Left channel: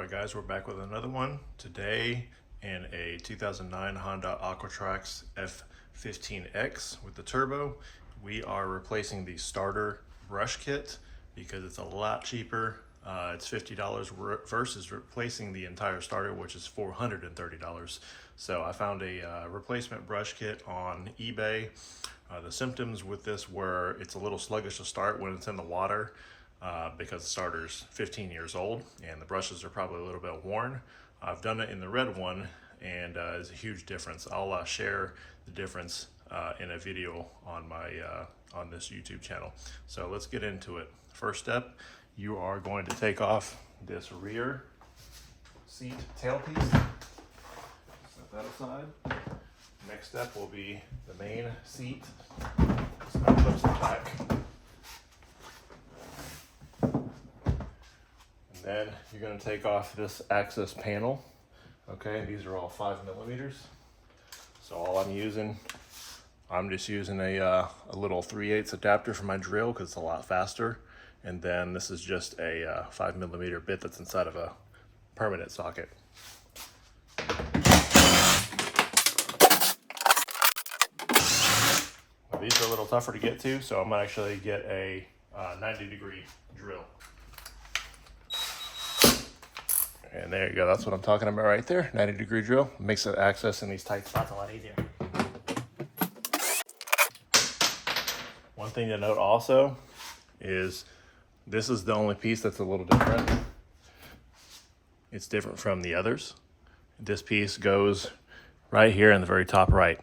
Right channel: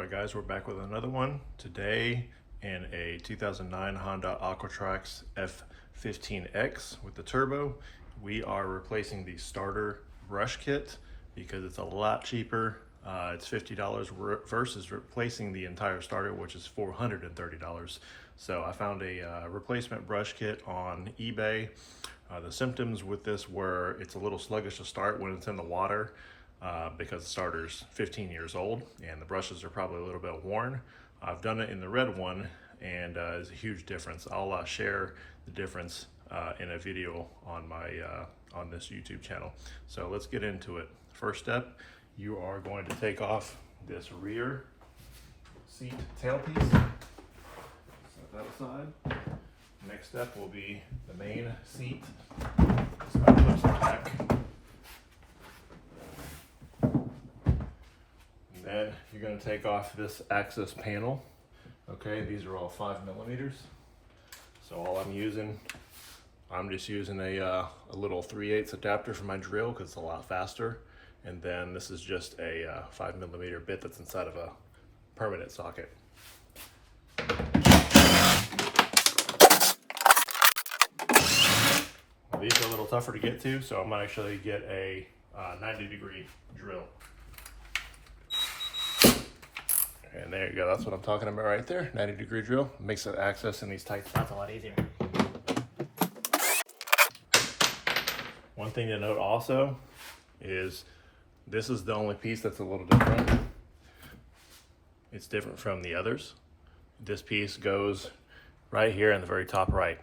Alright guys, we're back with another one. Today in a 2009 Honda Aquatrax F15X with the turbo, we are replacing the starter brush kit because it's a lot cheaper. It's $50 versus replacing the entire starter, which is $430. So I found a replacement brush kit on eBay. The symptoms with this were it's a little sluggish to start when it's in the water. Because the starter's 15 years old and the brushes are probably a little bit worn. I've done it in the red one and it's a huge difference. I'll share the difference in a video on my on this YouTube channel. So let's get into it. First step, you are going to take off this rear seat tailpiece. Set that aside. Next step will be the main seat. So that clips the back. Then you're going to take off this access panel. Okay, these are all 5mm. So all I'm just using a little 3/8 adapter for my drill because it's a lot faster. And then this is just a 5mm bit that's inside of a permanent socket. Well, these are a little tougher to get to, so I'm going to actually get a 90-degree drill. And there you go, that's what I'm talking about right there, 90-degree drill. Makes the access in these tight spots a lot easier. One thing to note also is this is the only piece that's a little different. It's different from the others. This piece goes right here in the very top right.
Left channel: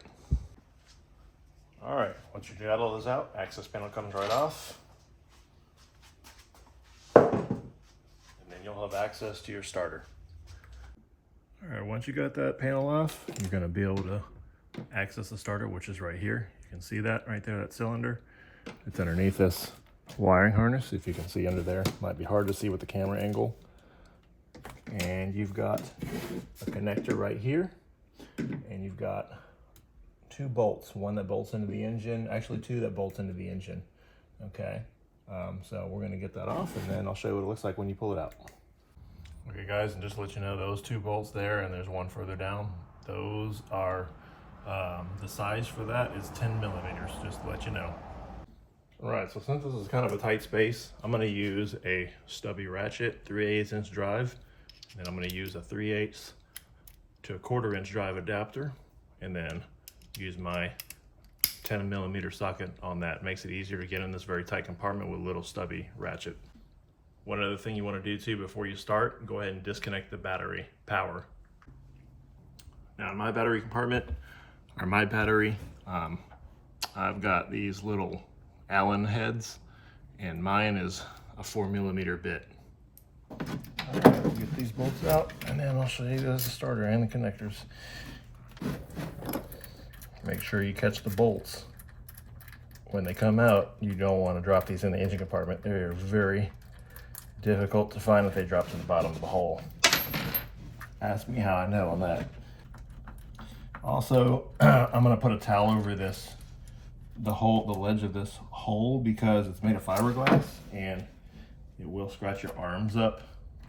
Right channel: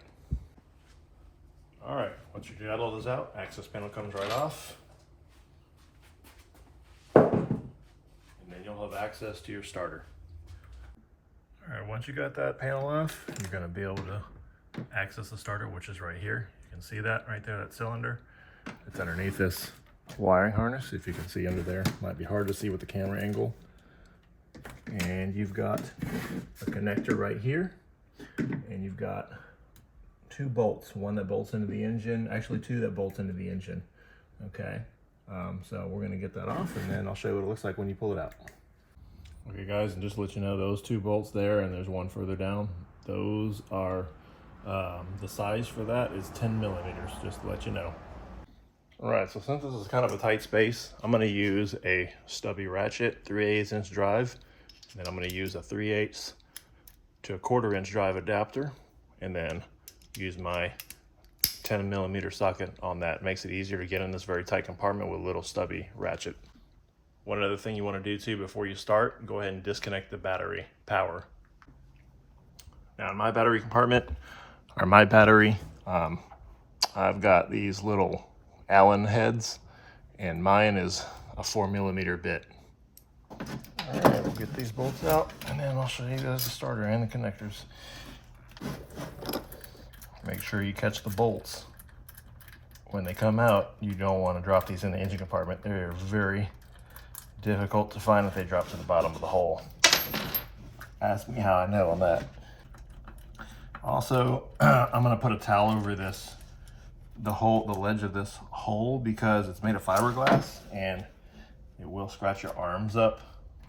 All right, once you got all those out, access panel comes right off. You'll have access to your starter. All right, once you got that panel off, you're going to be able to access the starter, which is right here. You can see that right there, that cylinder. It's underneath this wiring harness, if you can see under there. Might be hard to see with the camera angle. And you've got a connector right here, and you've got two bolts, one that bolts into the engine, actually two that bolts into the engine. Okay, so we're going to get that off, and then I'll show you what it looks like when you pull it out. Okay guys, and just to let you know, those two bolts there, and there's one further down, those are, the size for that is 10mm, just to let you know. All right, so since this is kind of a tight space, I'm gonna use a stubby ratchet, 3/8 inch drive. Then I'm gonna use a 3/8 to a 1/4 inch drive adapter, and then use my 10mm socket on that. Makes it easier to get in this very tight compartment with a little stubby ratchet. One other thing you want to do too before you start, go ahead and disconnect the battery power. Now in my battery compartment, or my battery, I've got these little Allen heads, and mine is a 4mm bit. All right, we'll get these bolts out, and then I'll show you the starter and the connectors. Make sure you catch the bolts. When they come out, you don't want to drop these in the engine compartment. They're very difficult to find if they drop to the bottom of the hole. Ask me how I know on that. Also, I'm going to put a towel over this, the ledge of this hole, because it's made of fiberglass and it will scratch your arms up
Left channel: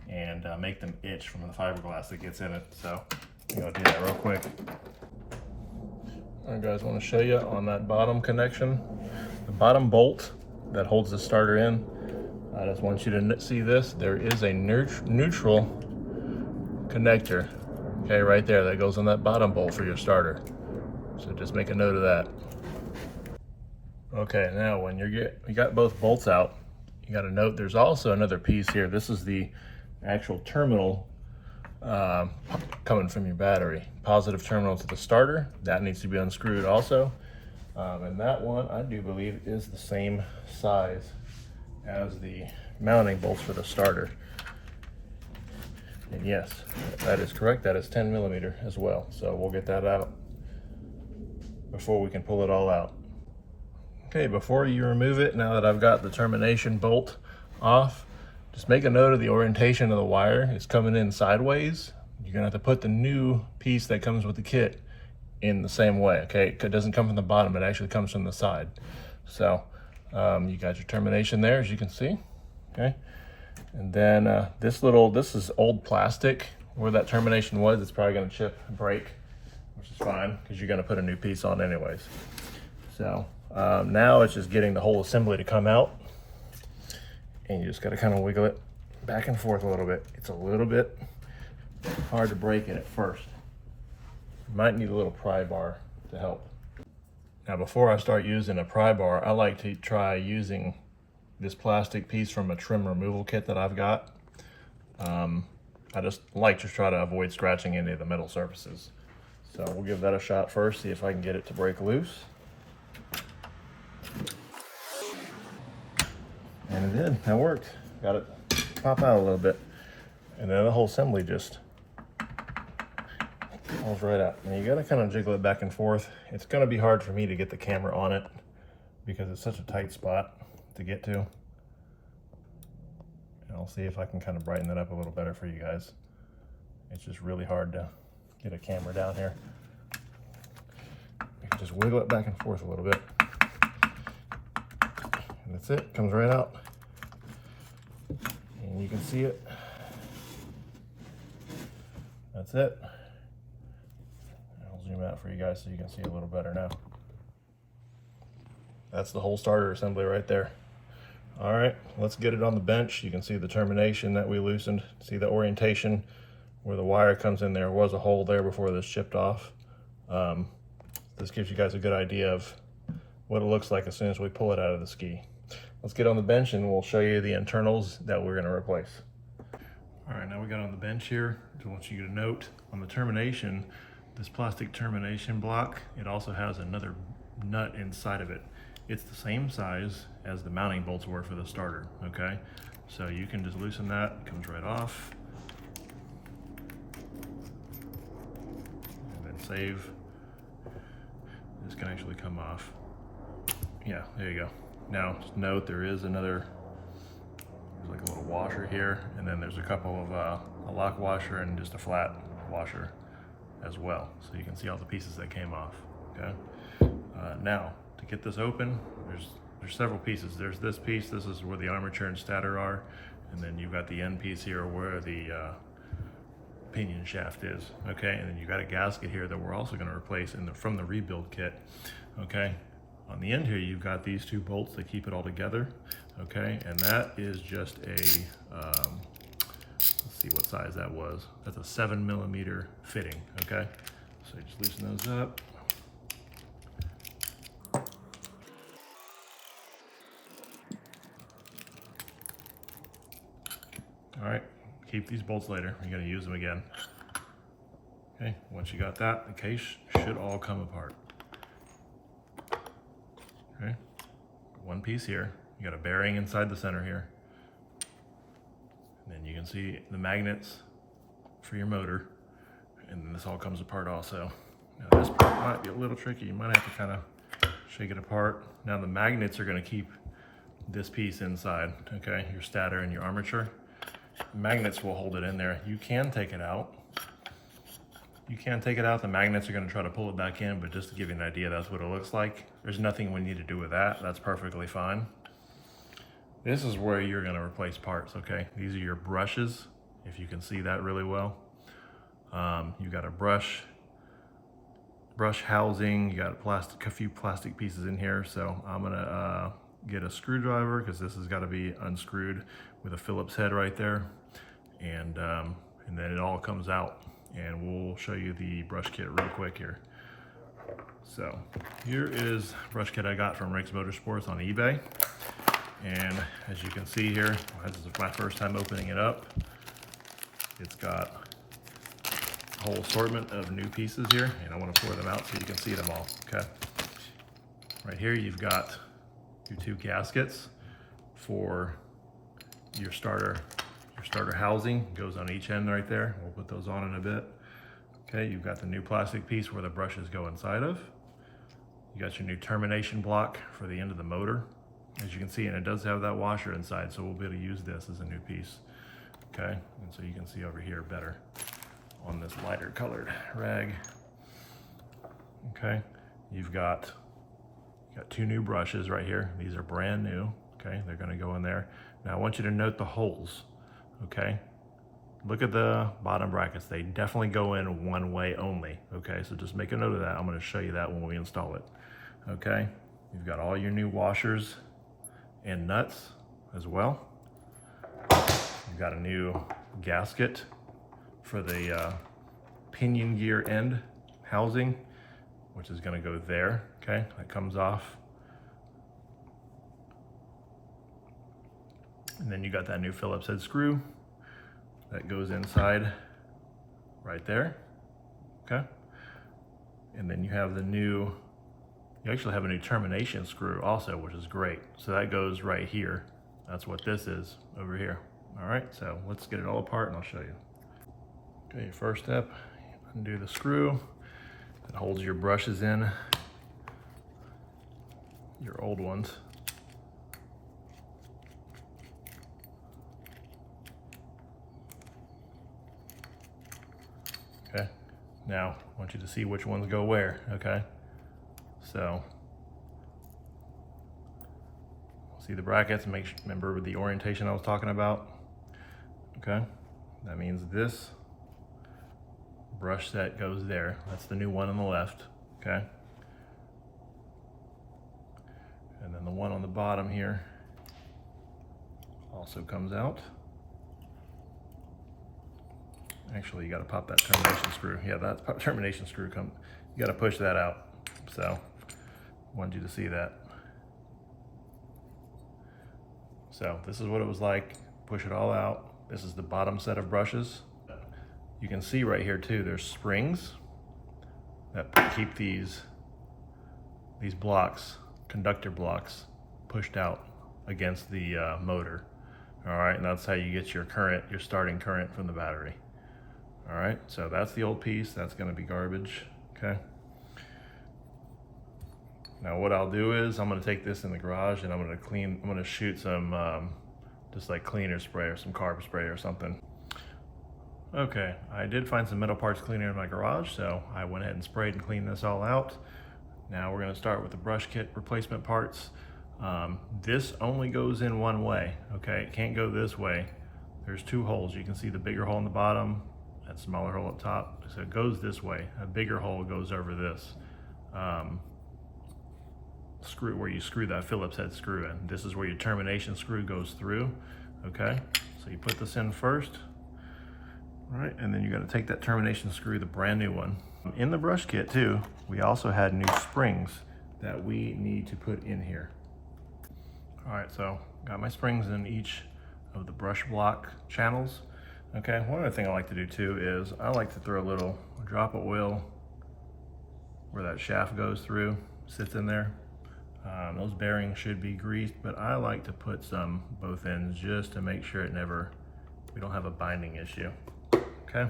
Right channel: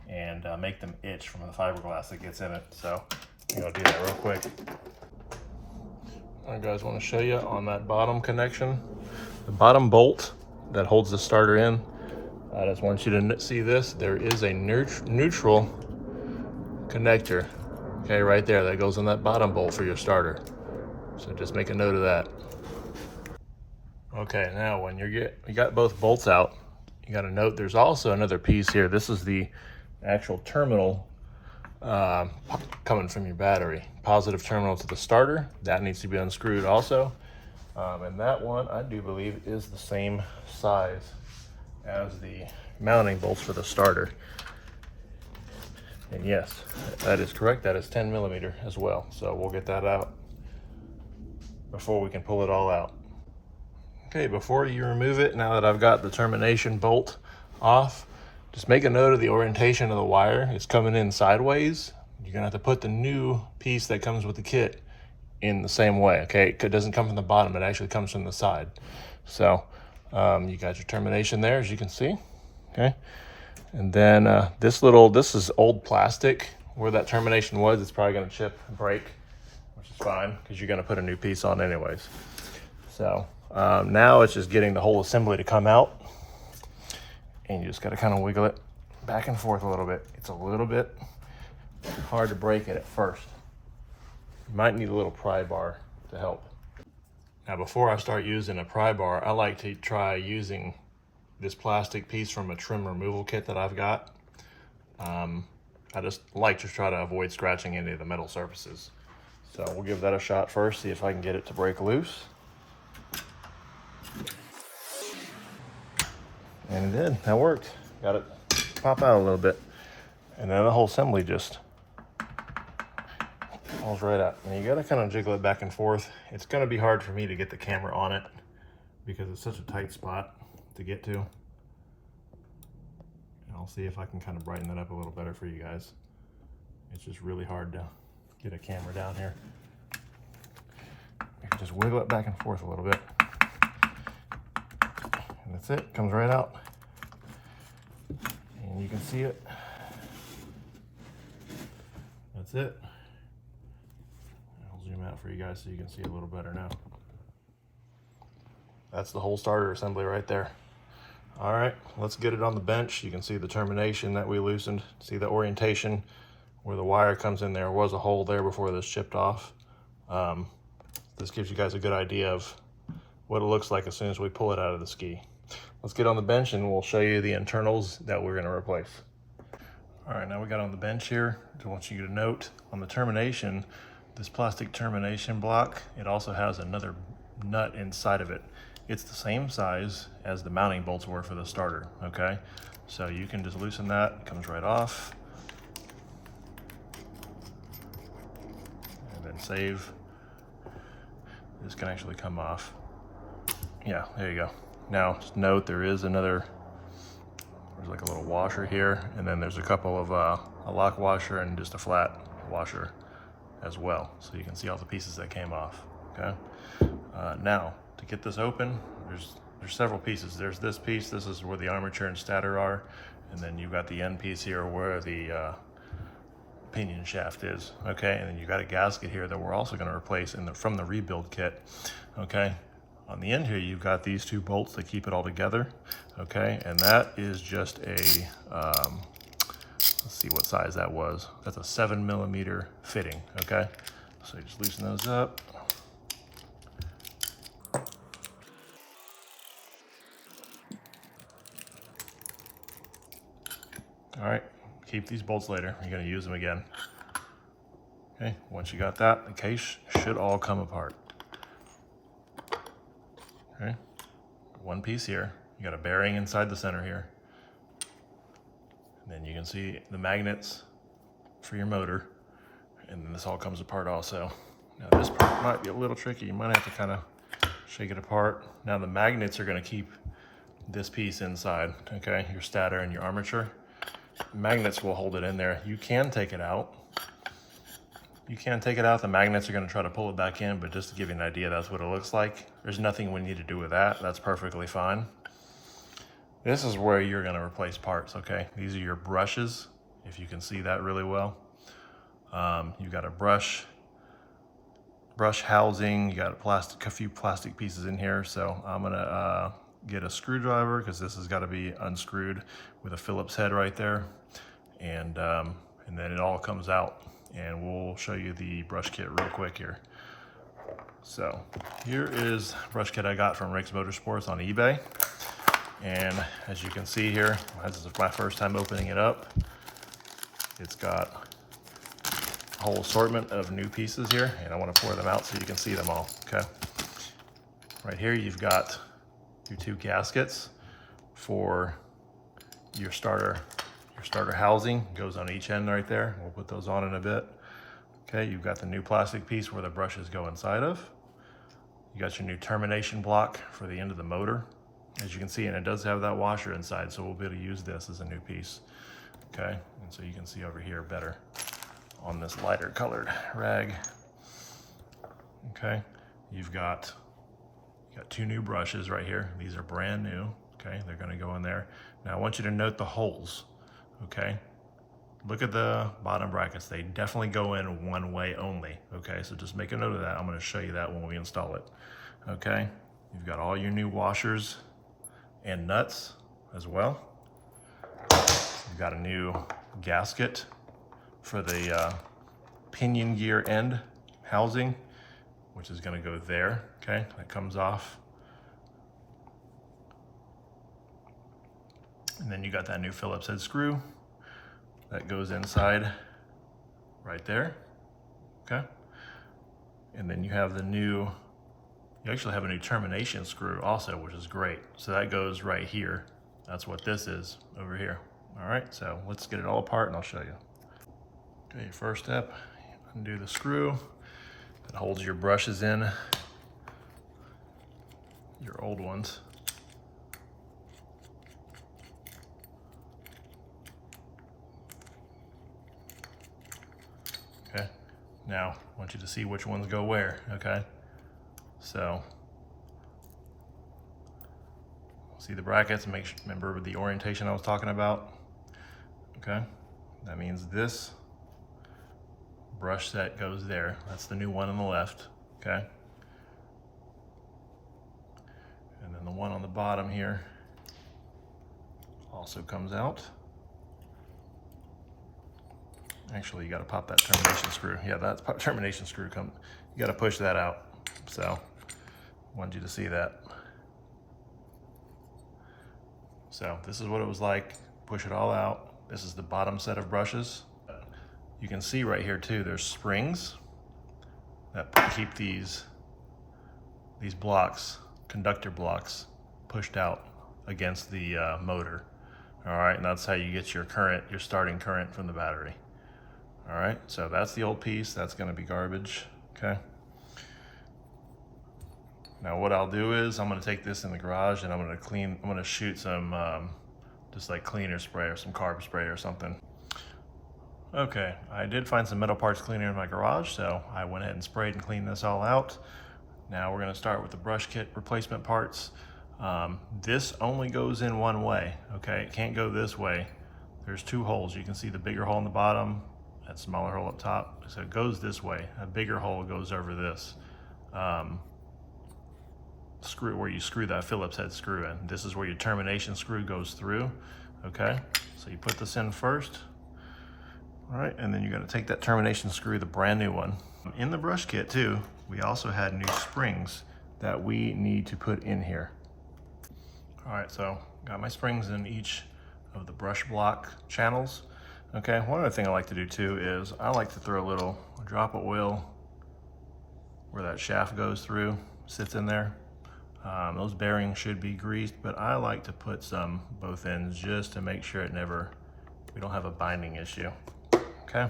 and make them itch from the fiberglass that gets in it. So I'm going to do that real quick. I guys want to show you on that bottom connection, the bottom bolt that holds the starter in. I just want you to see this. There is a neutral connector, okay, right there, that goes on that bottom bolt for your starter. So just make a note of that. Okay, now when you got both bolts out, you got to note there's also another piece here. This is the actual terminal coming from your battery. Positive terminal to the starter, that needs to be unscrewed also. And that one, I do believe, is the same size as the mounting bolts for the starter. And yes, that is correct, that is 10mm as well. So we'll get that out before we can pull it all out. Okay, before you remove it, now that I've got the termination bolt off, just make a note of the orientation of the wire. It's coming in sideways. You're gonna have to put the new piece that comes with the kit in the same way, okay? It doesn't come from the bottom, it actually comes from the side. So you got your termination there, as you can see, okay? And then this is old plastic. Where that termination was, it's probably gonna chip and break, which is fine, because you're gonna put a new piece on anyways. So now it's just getting the whole assembly to come out. And you just gotta kind of wiggle it back and forth a little bit. It's a little bit hard to break it at first. You might need a little pry bar to help. Now before I start using a pry bar, I like to try using this plastic piece from a trim removal kit that I've got. I just like to try to avoid scratching any of the metal surfaces. So we'll give that a shot first, see if I can get it to break loose. And it did, that worked. Got it pop out a little bit. And then the whole assembly just falls right out. And you gotta kind of jiggle it back and forth. It's gonna be hard for me to get the camera on it because it's such a tight spot to get to. And I'll see if I can kind of brighten that up a little better for you guys. It's just really hard to get a camera down here. You can just wiggle it back and forth a little bit. And that's it, comes right out. And you can see it. That's it. I'll zoom out for you guys so you can see a little better now. That's the whole starter assembly right there. All right, let's get it on the bench. You can see the termination that we loosened. See the orientation where the wire comes in. There was a hole there before this chipped off. This gives you guys a good idea of what it looks like as soon as we pull it out of the ski. Let's get on the bench and we'll show you the internals that we're gonna replace. All right, now we got on the bench here. I want you to note on the termination, this plastic termination block, it also has another nut inside of it. It's the same size as the mounting bolts were for the starter, okay? So you can just loosen that, it comes right off. And then save. This can actually come off. Yeah, there you go. Now, just note there is another, there's like a little washer here, and then there's a couple of, a lock washer and just a flat washer as well. So you can see all the pieces that came off, okay? Now, to get this open, there's several pieces. There's this piece, this is where the armature and stator are, and then you've got the end piece here where the pinion shaft is, okay? And then you've got a gasket here that we're also gonna replace from the rebuild kit, okay? On the end here, you've got these two bolts that keep it all together, okay? And that is just a, let's see what size that was. That's a 7mm fitting, okay? So you just loosen those up. All right, keep these bolts later. You're gonna use them again. Okay, once you got that, the case should all come apart. Okay, one piece here. You got a bearing inside the center here. And then you can see the magnets for your motor. And then this all comes apart also. Now this part might be a little tricky. You might have to kind of shake it apart. Now the magnets are gonna keep this piece inside, okay? Your stator and your armature. Magnets will hold it in there. You can take it out. You can take it out. The magnets are going to try to pull it back in, but just to give you an idea, that's what it looks like. There's nothing we need to do with that. That's perfectly fine. This is where you're going to replace parts, okay? These are your brushes, if you can see that really well. You got a brush housing. You got a few plastic pieces in here. So I'm going to get a screwdriver because this has got to be unscrewed with a Phillips head right there, and then it all comes out, and we'll show you the brush kit real quick here. So here is brush kit I got from Rick's Motorsports on eBay, and as you can see here, this is my first time opening it up. It's got a whole assortment of new pieces here, and I want to pour them out so you can see them all, okay? Right here you've got your two gaskets for your starter housing. Goes on each end right there. We'll put those on in a bit. Okay, you've got the new plastic piece where the brushes go inside of. You got your new termination block for the end of the motor, as you can see, and it does have that washer inside, so we'll be able to use this as a new piece. Okay, and so you can see over here better on this lighter colored rag. Okay, you've got two new brushes right here. These are brand new. Okay, they're going to go in there. Now I want you to note the holes. okay? Look at the bottom brackets. They definitely go in one way only, okay? So just make a note of that. I'm gonna show you that when we install it, okay? You've got all your new washers and nuts as well. You've got a new gasket for the pinion gear end housing, which is gonna go there, okay? That comes off. And then you got that new Phillips head screw that goes inside right there, okay? And then you have you actually have a new termination screw also, which is great. So that goes right here. That's what this is over here. All right, so let's get it all apart and I'll show you. Okay, your first step, undo the screw that holds your brushes in, your old ones. Okay, now I want you to see which ones go where, okay? So, see the brackets, remember the orientation I was talking about? Okay, that means this brush set goes there. That's the new one on the left, okay? And then the one on the bottom here also comes out. Actually, you got to pop that termination screw. Yeah, that termination screw you got to push that out. So, wanted you to see that. So, this is what it was like. Push it all out. This is the bottom set of brushes. You can see right here too, there's springs that keep these blocks, conductor blocks, pushed out against the motor. All right, and that's how you get your current, your starting current from the battery. All right, so that's the old piece. That's gonna be garbage, okay? Now what I'll do is I'm gonna take this in the garage and I'm gonna shoot some just like cleaner spray or some carb spray or something. Okay, I did find some metal parts cleaner in my garage, so I went ahead and sprayed and cleaned this all out. Now we're gonna start with the brush kit replacement parts. This only goes in one way, okay? It can't go this way. There's two holes. You can see the bigger hole in the bottom, that smaller hole up top. So it goes this way. A bigger hole goes over this screw where you screw that Phillips head screw in. This is where your termination screw goes through, okay? So you put this in first, all right? And then you gotta take that termination screw, the brand new one. In the brush kit too, we also had new springs that we need to put in here. All right, so got my springs in each of the brush block channels. Okay, one other thing I like to do too is I like to throw a drop of oil where that shaft goes through, sits in there. Those bearings should be greased, but I like to put some both ends just to make sure we don't have a binding issue, okay?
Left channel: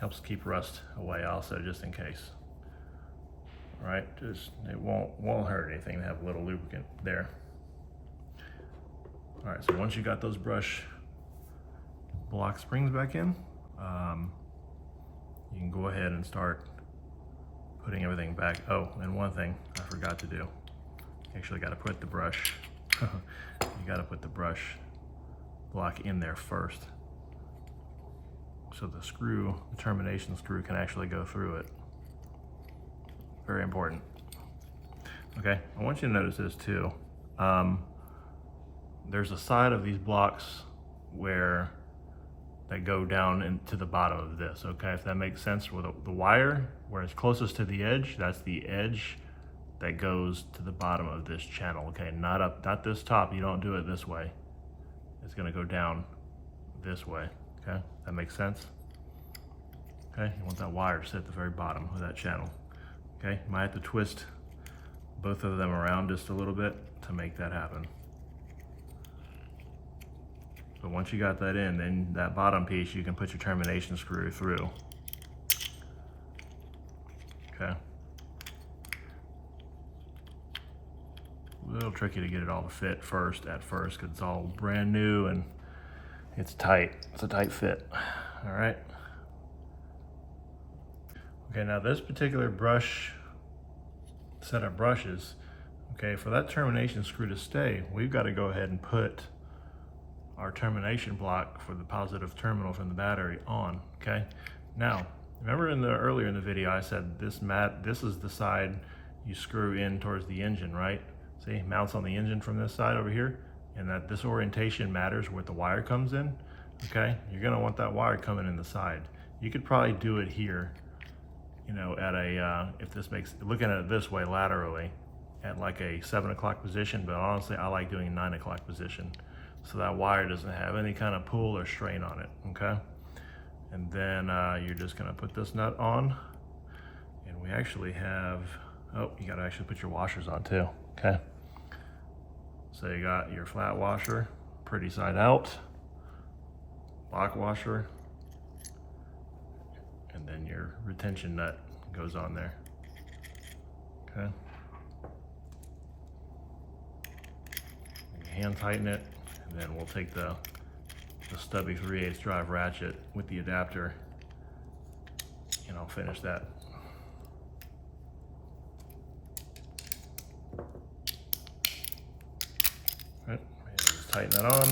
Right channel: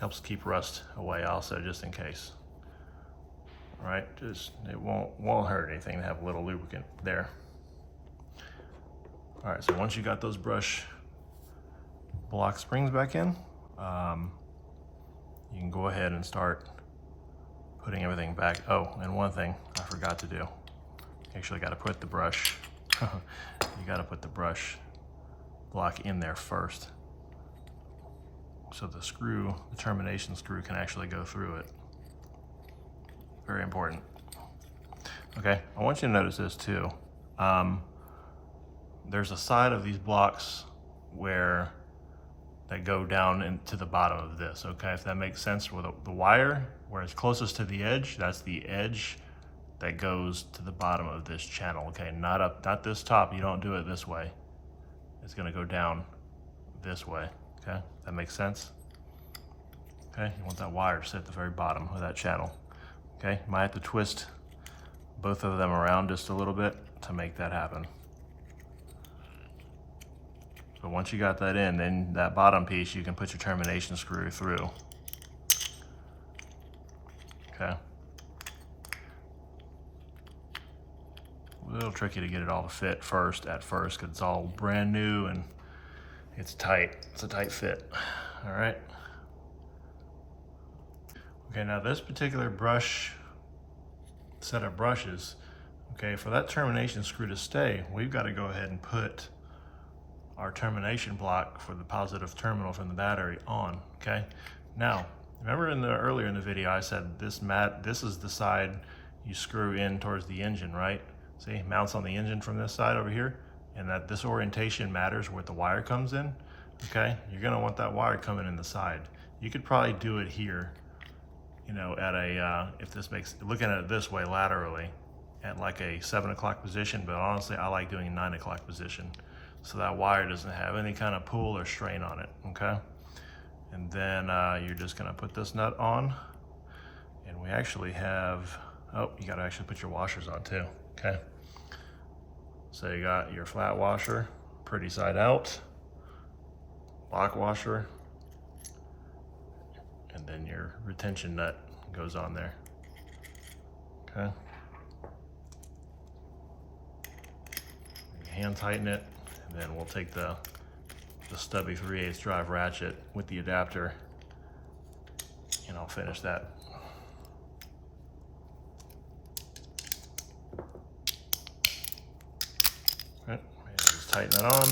Helps keep rust away also, just in case. All right, it won't hurt anything to have a little lubricant there. All right, so once you got those brush block springs back in, you can go ahead and start putting everything back. Oh, and one thing I forgot to do. You actually got to put the brush, you got to put the brush block in there first, so the termination screw can actually go through it. Very important. Okay, I want you to notice this too. There's a side of these blocks that go down into the bottom of this, okay? If that makes sense, with the wire, where it's closest to the edge, that's the edge that goes to the bottom of this channel, okay? Not this top, you don't do it this way. It's gonna go down this way, okay? That makes sense? Okay, you want that wire to sit at the very bottom of that channel, okay? You might have to twist both of them around just a little bit to make that happen. So once you got that in, then that bottom piece, you can put your termination screw through. Okay. A little tricky to get it all to fit at first, because it's all brand new and it's tight. It's a tight fit. All right. Okay, now this particular set of brushes, okay, for that termination screw to stay, we've got to go ahead and put our termination block for the positive terminal from the battery on, okay? Now, remember earlier in the video I said this is the side you screw in towards the engine, right? See, mounts on the engine from this side over here, and that this orientation matters where the wire comes in, okay? You're gonna want that wire coming in the side. You could probably do it here, you know, at a, if this makes, looking at it this way laterally, at like a 7 o'clock position, but honestly, I like doing a 9 o'clock position. So that wire doesn't have any kind of pull or strain on it, okay? And then you're just gonna put this nut on, and we actually have, oh, you gotta actually put your washers on too, okay? So you got your flat washer, pretty side out, lock washer, and then your retention nut goes on there, okay? You hand tighten it, and then we'll take the stubby 3/8 drive ratchet with the adapter, and I'll finish that. Right, and just tighten that on.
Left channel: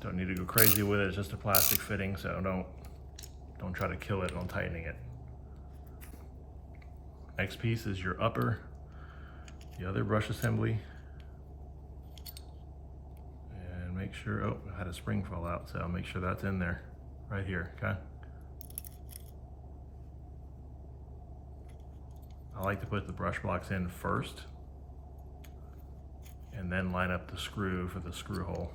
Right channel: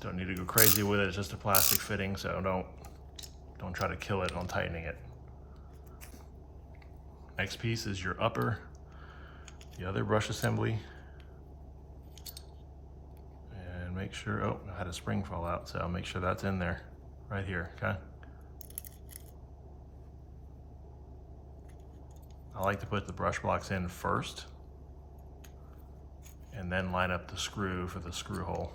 Don't need to go crazy with it, it's just a plastic fitting, so don't try to kill it on tightening it. Next piece is your the other brush assembly. And make sure, oh, I had a spring fall out, so I'll make sure that's in there, right here, okay? I like to put the brush blocks in first, and then line up the screw for the screw hole.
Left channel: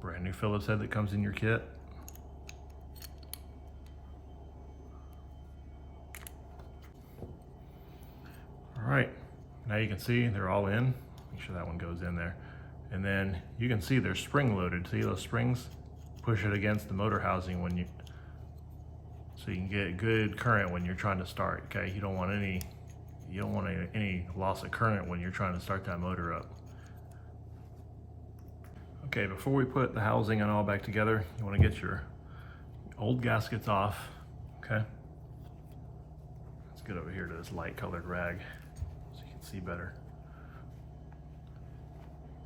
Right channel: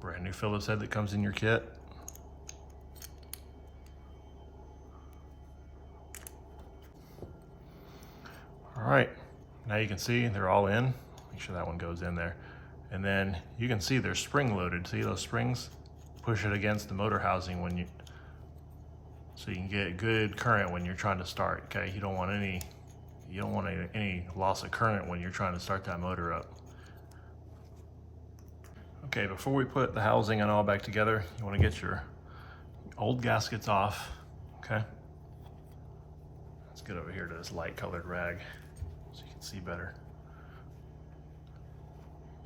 Brand new Phillips head that comes in your kit. All right, now you can see they're all in. Make sure that one goes in there. And then you can see they're spring loaded. See those springs? Push it against the motor housing so you can get good current when you're trying to start, okay? You don't want any loss of current when you're trying to start that motor up. Okay, before we put the housing and all back together, you want to get your old gaskets off, okay? Let's get over here to this light colored rag so you can see better.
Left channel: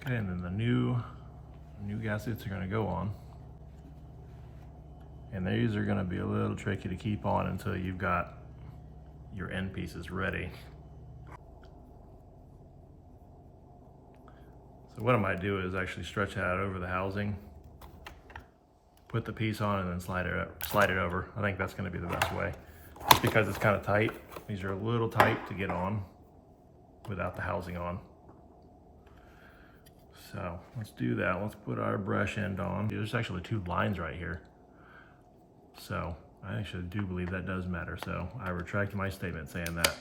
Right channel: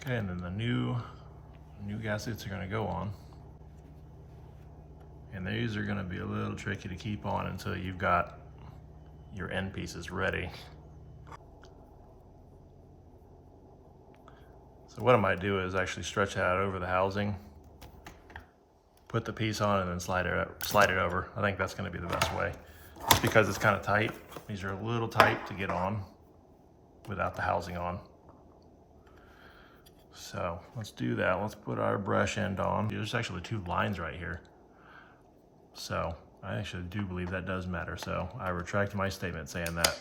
Okay, and then the new gaskets are going to go on. And these are going to be a little tricky to keep on until you've got your end pieces ready. So what I might do is actually stretch that out over the housing, put the piece on, and then slide it over. I think that's going to be the best way. Just because it's kind of tight. These are a little tight to get on without the housing on. So let's do that. Let's put our brush end on. There's actually 2 lines right here. So I actually do believe that does matter. So I retract my statement saying that.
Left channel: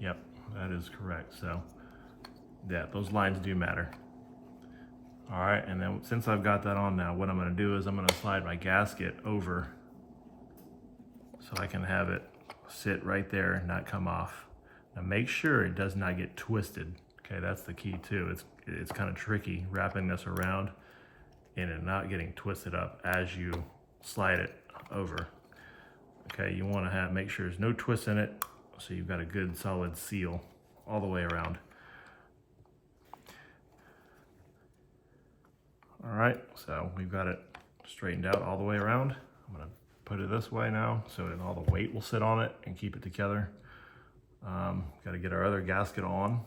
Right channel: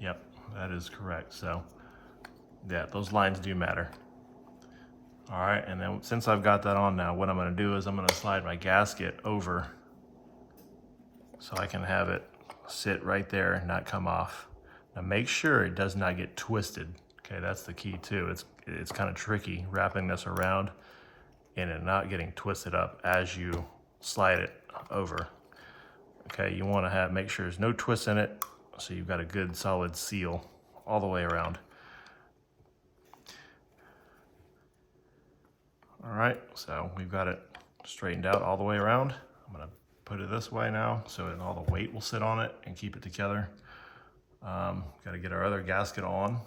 Yep, that is correct. So yeah, those lines do matter. All right, and then since I've got that on now, what I'm gonna do is I'm gonna slide my gasket over so I can have it sit right there and not come off. Now make sure it does not get twisted. Okay, that's the key too. It's kind of tricky wrapping this around and it not getting twisted up as you slide it over. Okay, you want to make sure there's no twist in it, so you've got a good solid seal all the way around. All right, so we've got it straightened out all the way around. I'm gonna put it this way now so that all the weight will sit on it and keep it together. Got to get our other gasket on.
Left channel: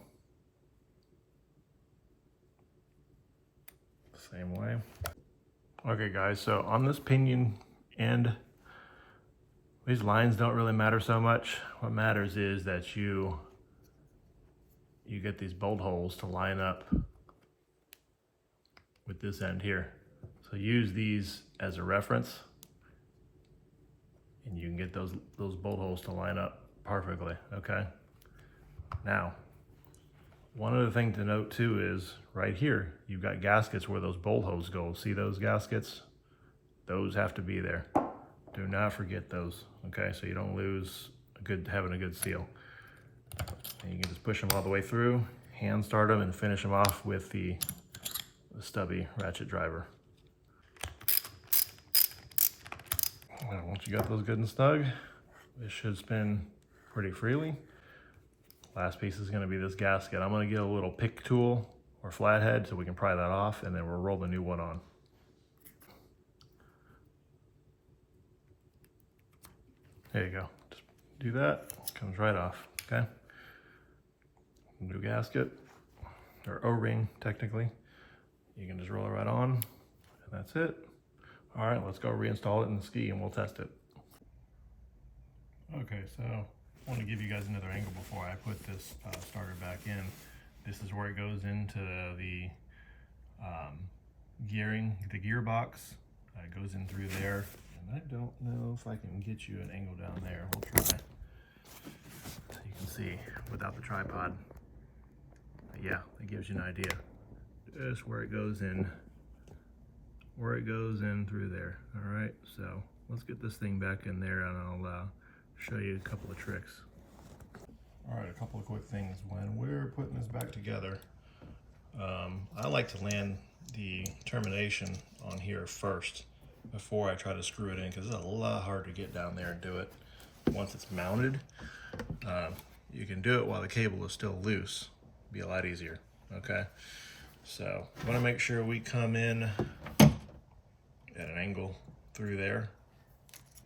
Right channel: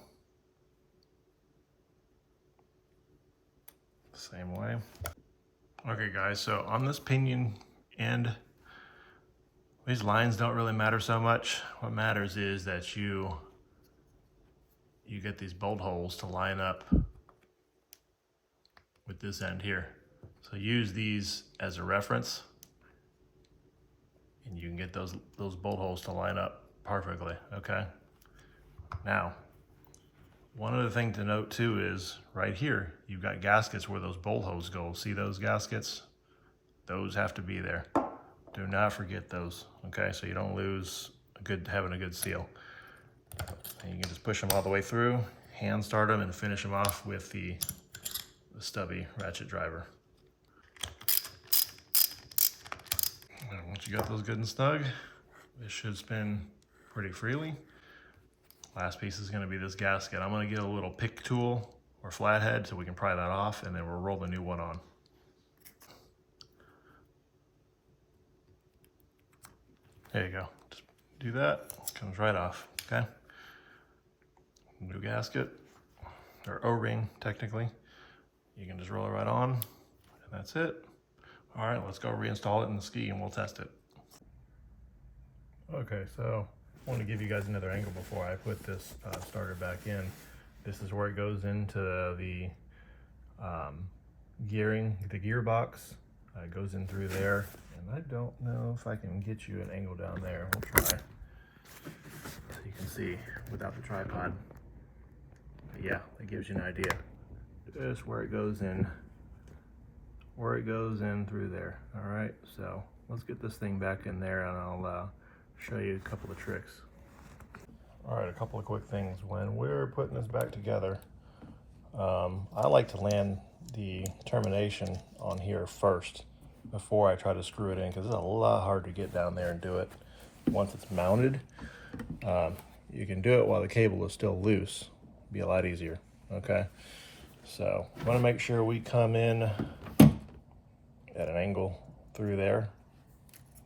Same way. Okay guys, so on this pinion end, these lines don't really matter so much. What matters is that you get these bolt holes to line up with this end here. So use these as a reference and you can get those bolt holes to line up perfectly, okay? Now, one other thing to note too is right here, you've got gaskets where those bolt holes go. See those gaskets? Those have to be there. Do not forget those, okay? So you don't lose having a good seal. And you can just push them all the way through, hand start them, and finish them off with the stubby ratchet driver. Now, once you got those good and snug, This should spin pretty freely. Last piece is going to be this gasket. I'm going to get a little pick tool or flathead so we can pry that off, and then we'll roll the new one on. There you go. Just do that. Comes right off. Okay. New gasket, or O-ring technically. You can just roll it right on, and that's it. All right, let's go reinstall it in the ski and we'll test it. Okay, so I want to give you guys another angle before I put this starter back in. This is where it goes into the gearing, the gearbox. It goes in through there, and I don't know if I can get you an angle down there. We'll try. So you can see without the tripod. But yeah, that gives you an idea. Just where it goes in. Where it goes in through there. All right, so let's get this thing back in there, and I'll show you a couple of tricks. All right, a couple of quick things. When we're putting this back together, I like to land the termination on here first before I try to screw it in, because it's a lot harder to get down there and do it once it's mounted. You can do it while the cable is still loose. Be a lot easier. Okay, so I want to make sure we come in at an angle through there.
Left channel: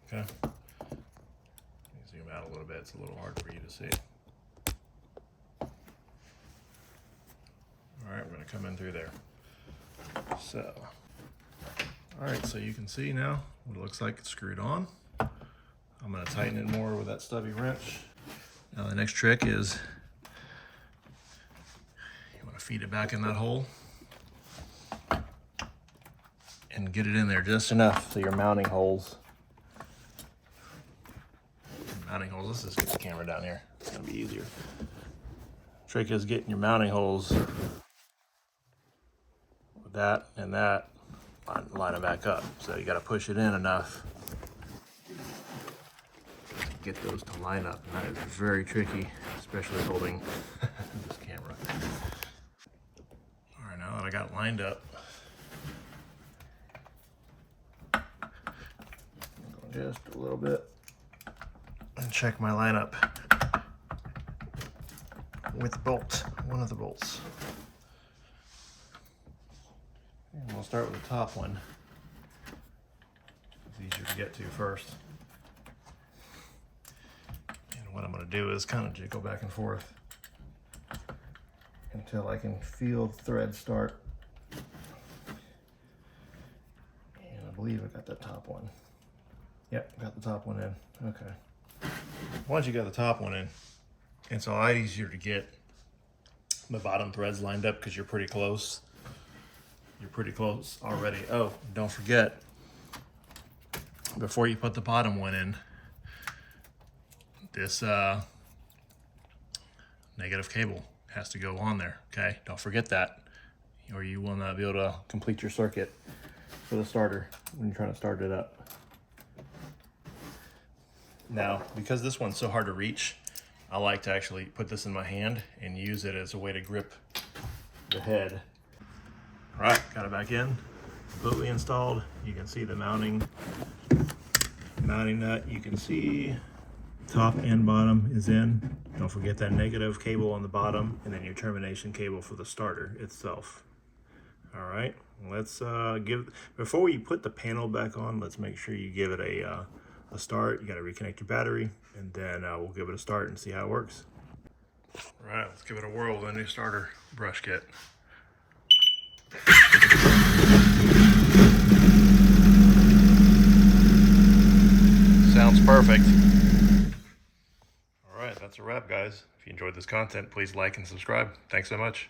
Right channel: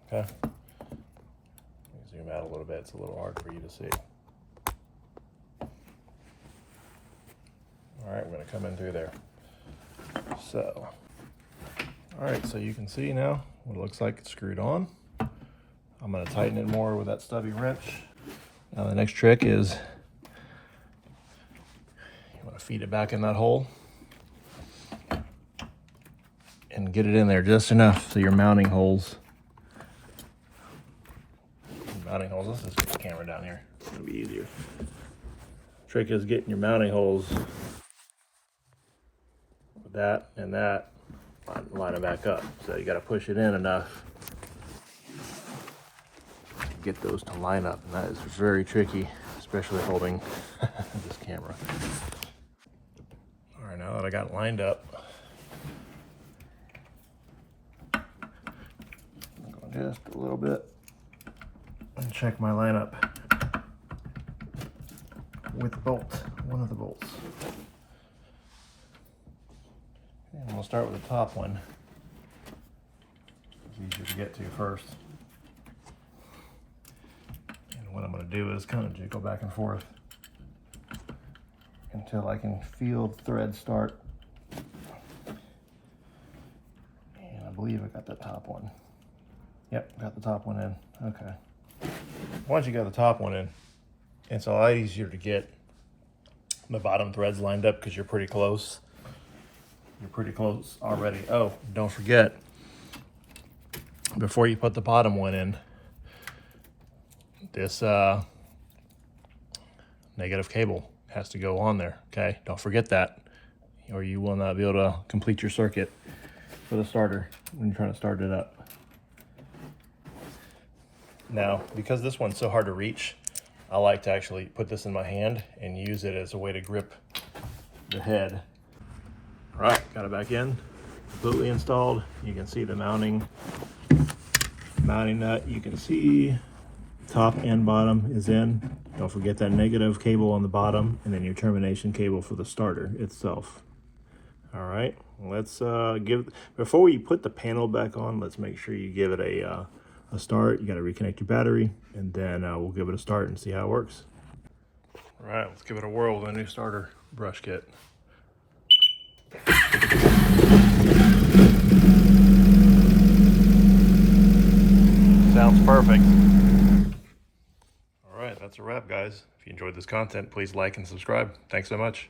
Okay, zoom out a little bit. It's a little hard for you to see. All right, we're going to come in through there. So, all right, so you can see now what it looks like it's screwed on. I'm going to tighten it more with that stubby wrench. Now the next trick is you want to feed it back in that hole and get it in there just enough so your mounting holes. Let's just get the camera down here. It's going to be easier. Trick is getting your mounting holes with that and that, line it back up. So you got to push it in enough to get those to line up, and that is very tricky, especially holding this camera. All right, now that I got it lined up, I'm going just a little bit and check my lineup with the bolt, one of the bolts. And we'll start with the top one. It's easier to get to first. And what I'm going to do is kind of jiggle back and forth until I can feel the thread start. And I believe I got that top one. Yep, got the top one in. Okay. Once you got the top one in, it's a lot easier to get the bottom threads lined up because you're pretty close. You're pretty close already. Oh, don't forget, before you put the bottom one in, this negative cable has to go on there, okay? Don't forget that, or you will not be able to complete your circuit for the starter when you're trying to start it up. Now, because this one's so hard to reach, I like to actually put this in my hand and use it as a way to grip the head. All right, got it back in, completely installed. You can see the mounting nut. You can see top and bottom is in. Don't forget that negative cable on the bottom, and then your termination cable for the starter itself. All right, let's before we put the panel back on, let's make sure you give it a start. You got to reconnect your battery, and then we'll give it a start and see how it works. All right, let's give it a whirl with a new starter brush kit. Sounds perfect. All right, that's a wrap, guys. If you enjoyed this content, please like and subscribe. Thanks so much.